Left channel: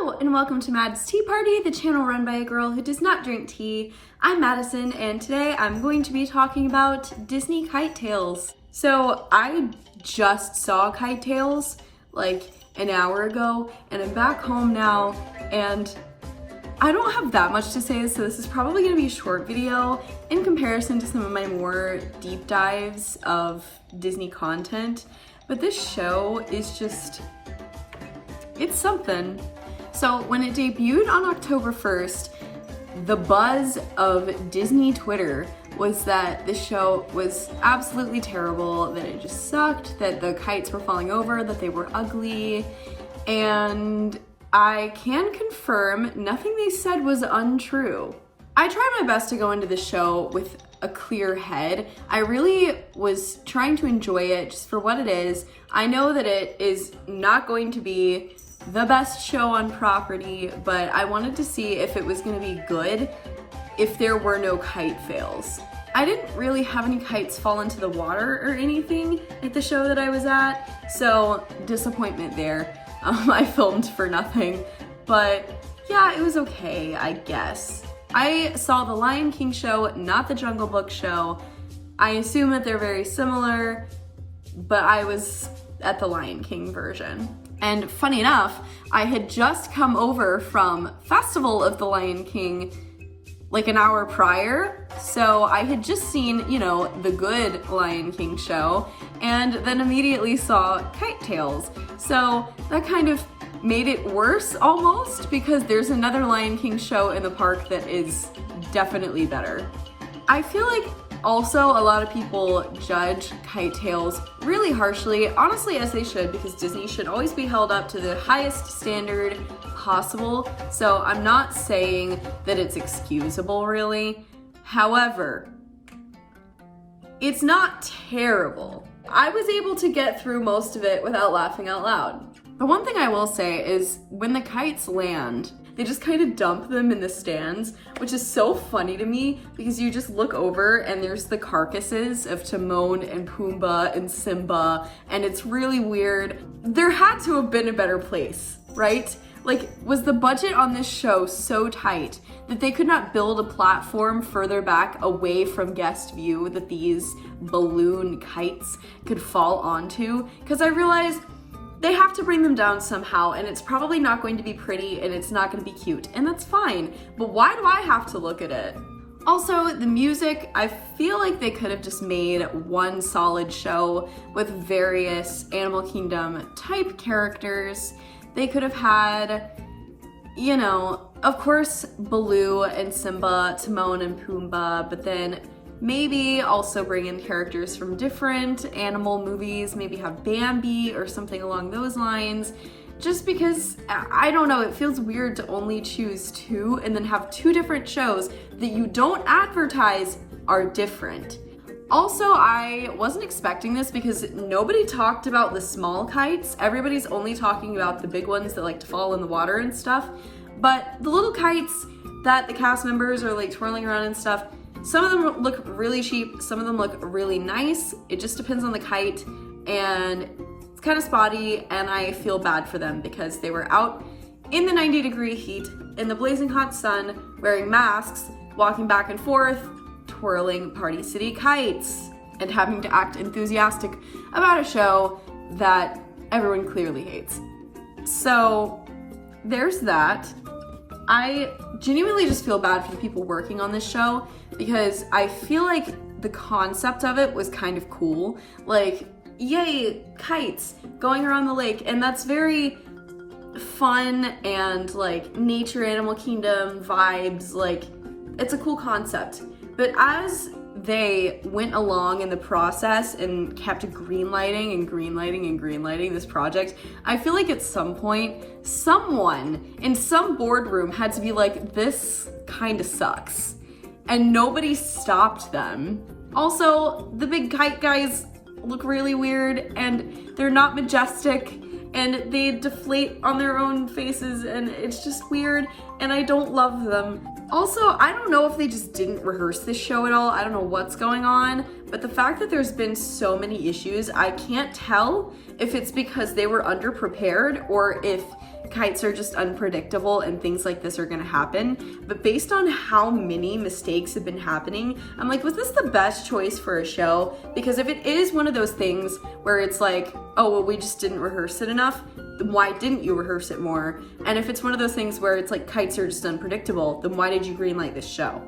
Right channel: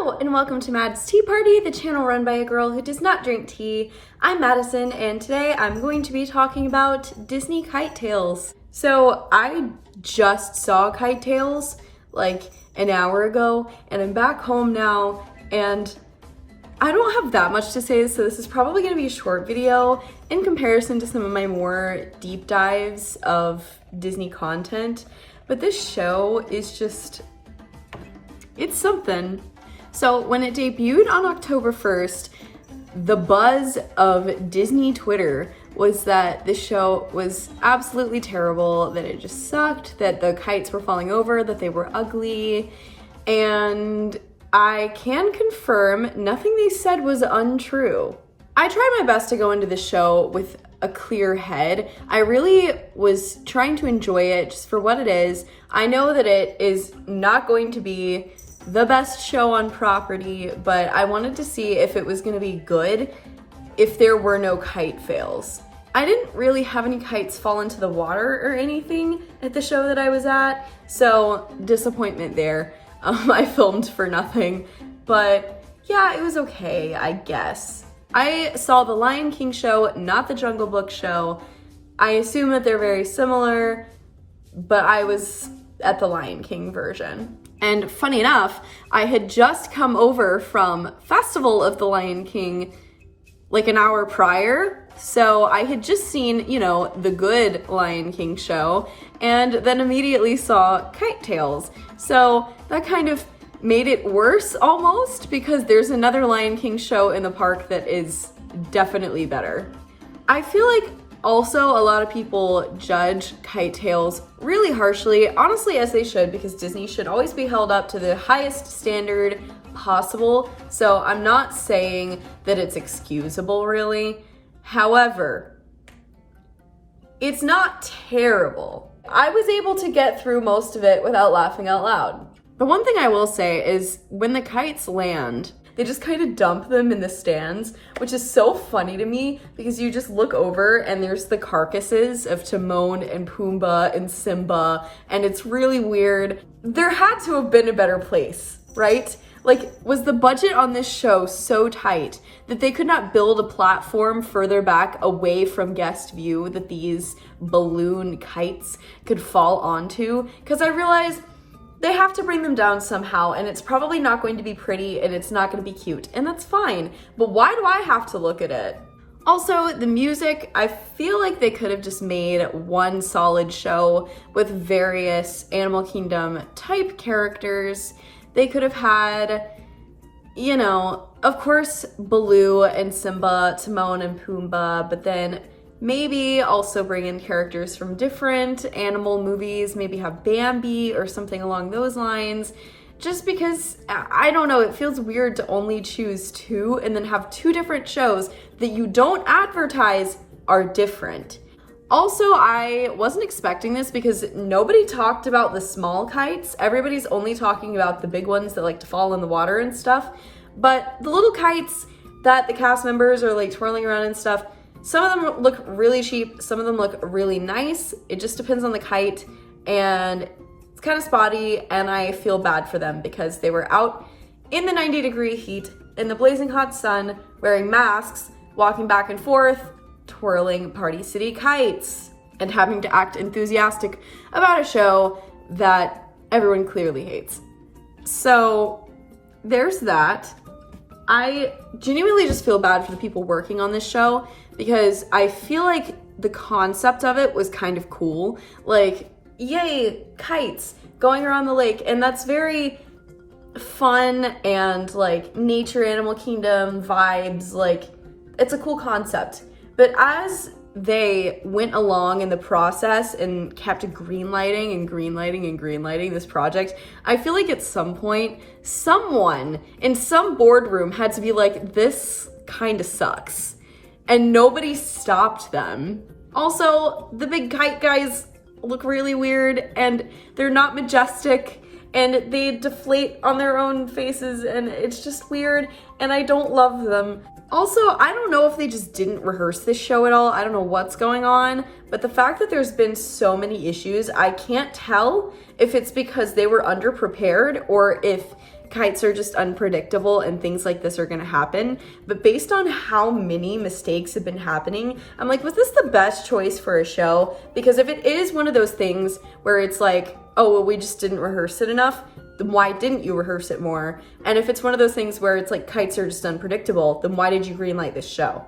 Hello and welcome to Mad's Tea Party, the channel run by a girl who does not drink tea. I'm Madison and today I'm going to be talking about Disney Kite Tales. So I just saw Kite Tales like an hour ago and I'm back home now and I don't have that much to say, so this is probably going to be a short video in comparison to some of my more deep dives of Disney content. But this show is just, it's something. So when it debuted on October 1st, the buzz of Disney Twitter was that this show was absolutely terrible, that it just sucked, that the kites were falling over, that they were ugly, and I can confirm nothing they said was untrue. I tried my best to go into the show with a clear head. I really was trying to enjoy it just for what it is. I know that it is not going to be the best show on property, but I wanted to see if it was gonna be good if there were no kite fails. I didn't really have any kites fall into the water or anything at the show that I was at, so disappointment there. I filmed for nothing, but yeah, it was okay, I guess. I saw the Lion King show, not the Jungle Book show. I assume that they're very similar, but I was at the Lion King version. And funny enough, I had just come over from Festival of the Lion King like an hour prior. So I had just seen, you know, the good Lion King show and then immediately saw Kite Tales. So that kind of made it worse almost because there's another Lion King show in the park that is definitely better. I feel like also a lot of people judge Kite Tales really harshly, honestly as they should, because Disney should always be held up to the highest standard possible. So I'm not saying that it's excusable really. However, it's not terrible. I was able to get through most of it without laughing out loud. The one thing I will say is when the kites land, they just kind of dump them in the stands, which is so funny to me because you just look over and there's the carcasses of Timon and Pumbaa and Simba, and it's really weird. There had to have been a better place, right? Like, was the budget on this show so tight that they could not build a platform further back away from guest view that these balloon kites could fall onto? Because I realized they have to bring them down somehow, and it's probably not going to be pretty and it's not going to be cute, and that's fine. But why do I have to look at it? Also, the music, I feel like they could have just made one solid show with various Animal Kingdom type characters. They could have had, you know, of course, Baloo and Simba, Timon and Pumbaa, but then maybe also bring in characters from different animal movies, maybe have Bambi or something along those lines. Just because, I don't know, it feels weird to only choose two and then have two different shows that you don't advertise are different. Also, I wasn't expecting this because nobody talked about the small kites. Everybody's only talking about the big ones that like to fall in the water and stuff. But the little kites that the cast members are like twirling around and stuff, some of them look really cheap, some of them look really nice. It just depends on the kite, and it's kind of spotty, and I feel bad for them because they were out in the 90-degree heat, in the blazing hot sun, wearing masks, walking back and forth, twirling Party City kites, and having to act enthusiastic about a show that everyone clearly hates. So there's that. I genuinely just feel bad for the people working on this show because I feel like the concept of it was kind of cool. Like, yay, kites going around the lake, and that's very fun and like nature, Animal Kingdom vibes. Like, it's a cool concept. But as they went along in the process and kept greenlighting and greenlighting and greenlighting this project, I feel like at some point, someone in some boardroom had to be like, this kind of sucks. And nobody stopped them. Also, the big kite guys look really weird and they're not majestic and they deflate on their own faces and it's just weird and I don't love them. Also, I don't know if they just didn't rehearse this show at all. I don't know what's going on, but the fact that there's been so many issues, I can't tell if it's because they were underprepared or if kites are just unpredictable and things like this are gonna happen. But based on how many mistakes have been happening, I'm like, was this the best choice for a show? Because if it is one of those things where it's like, oh, well, we just didn't rehearse it enough, then why didn't you rehearse it more? And if it's one of those things where it's like kites are just unpredictable, then why did you greenlight this show?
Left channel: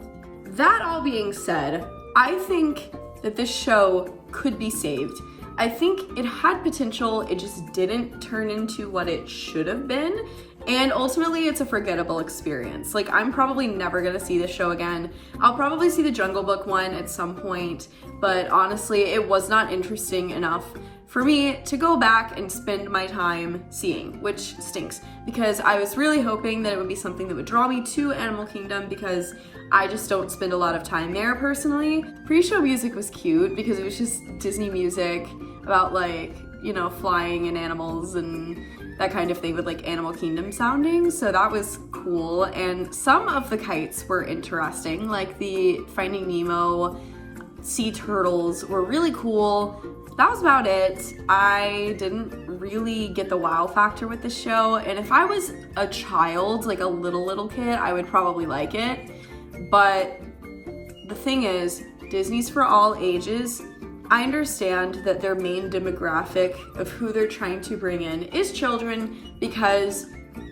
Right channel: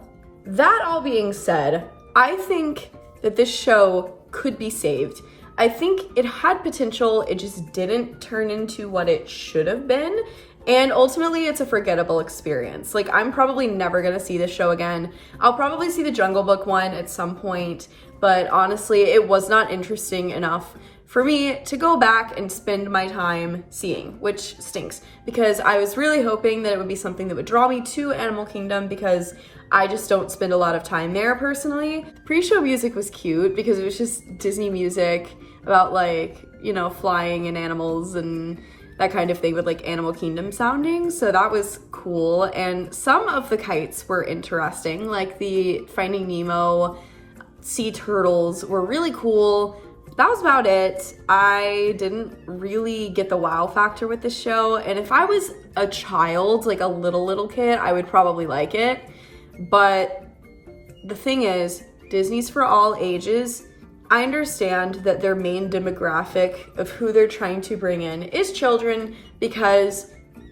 That all being said, I think that this show could be saved. I think it had potential, it just didn't turn into what it should have been. And ultimately, it's a forgettable experience. Like, I'm probably never gonna see this show again. I'll probably see the Jungle Book one at some point, but honestly, it was not interesting enough for me to go back and spend my time seeing, which stinks because I was really hoping that it would be something that would draw me to Animal Kingdom because I just don't spend a lot of time there personally. Pre-show music was cute because it was just Disney music about like, you know, flying and animals and that kind of thing with like Animal Kingdom sounding. So that was cool. And some of the kites were interesting, like the Finding Nemo sea turtles were really cool. That was about it. I didn't really get the wow factor with this show. And if I was a child, like a little kid, I would probably like it. But the thing is, Disney's for all ages. I understand that their main demographic of who they're trying to bring in is children because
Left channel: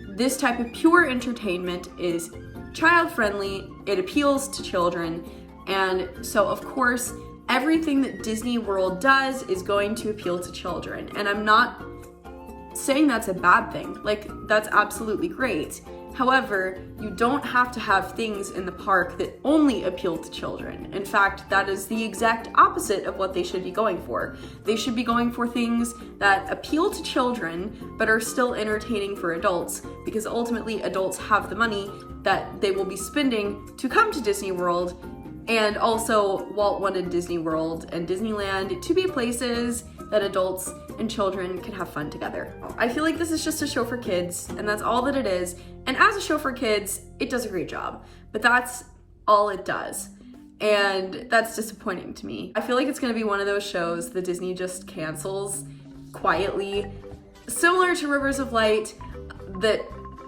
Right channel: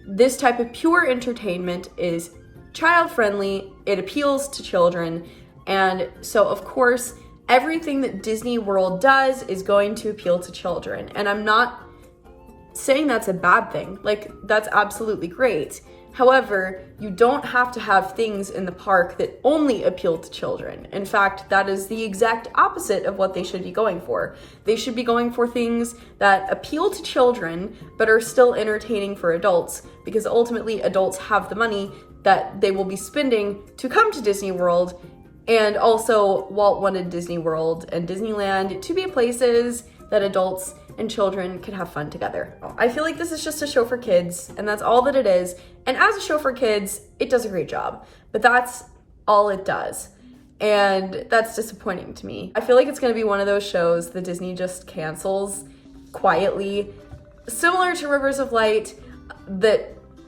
this type of pure entertainment is child friendly, it appeals to children, and so of course everything that Disney World does is going to appeal to children. And I'm not saying that's a bad thing, like that's absolutely great. However, you don't have to have things in the park that only appeal to children. In fact, that is the exact opposite of what they should be going for. They should be going for things that appeal to children, but are still entertaining for adults, because ultimately adults have the money that they will be spending to come to Disney World. And also, Walt wanted Disney World and Disneyland to be places that adults and children can have fun together. I feel like this is just a show for kids, and that's all that it is. And as a show for kids, it does a great job, but that's all it does. And that's disappointing to me. I feel like it's gonna be one of those shows that Disney just cancels quietly, similar to Rivers of Light, that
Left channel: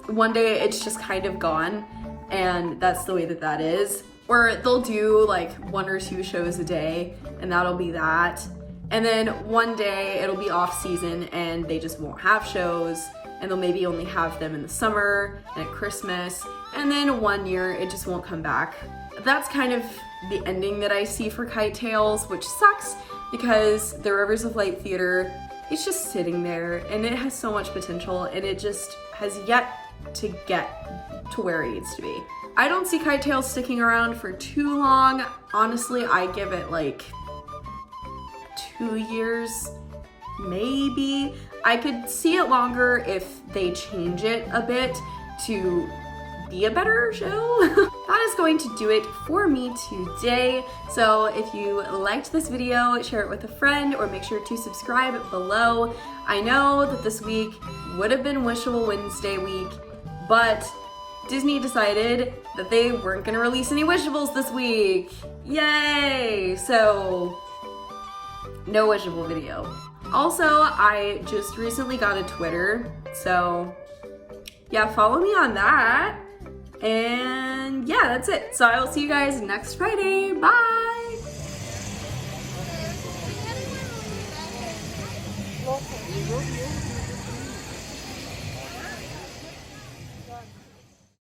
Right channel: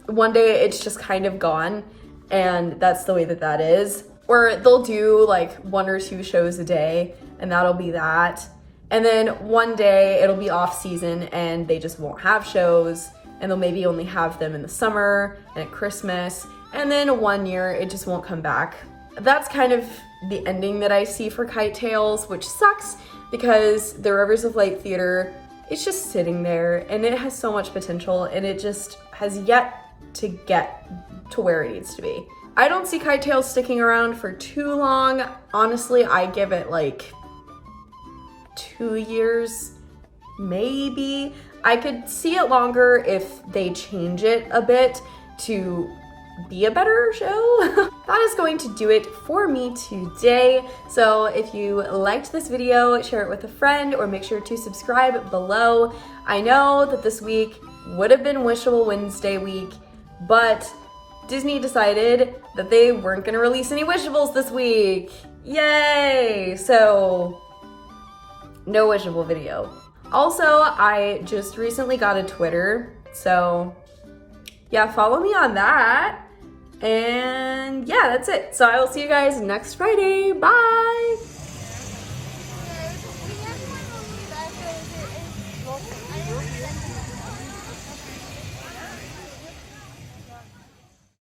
one day it's just kind of gone, and that's the way that that is. Or they'll do like 1 or 2 shows a day, and that'll be that. And then one day it'll be off season and they just won't have shows, and they'll maybe only have them in the summer and at Christmas. And then one year it just won't come back. That's kind of the ending that I see for Kite Tales, which sucks because the Rivers of Light Theater, it's just sitting there and it has so much potential, and it just has yet to get to where it needs to be. I don't see Kite Tales sticking around for too long. Honestly, I give it like 2 years, maybe. I could see it longer if they change it a bit to be a better show. That is going to do it for me today. So if you liked this video, share it with a friend or make sure to subscribe below. I know that this week would have been Wishable Wednesday week, but Disney decided that they weren't gonna release any Wishables this week. Yay! So, no Wishable video. Also, I just recently got a Twitter, so yeah, follow me on that. And yeah, that's it. So I will see you guys next Friday. Bye!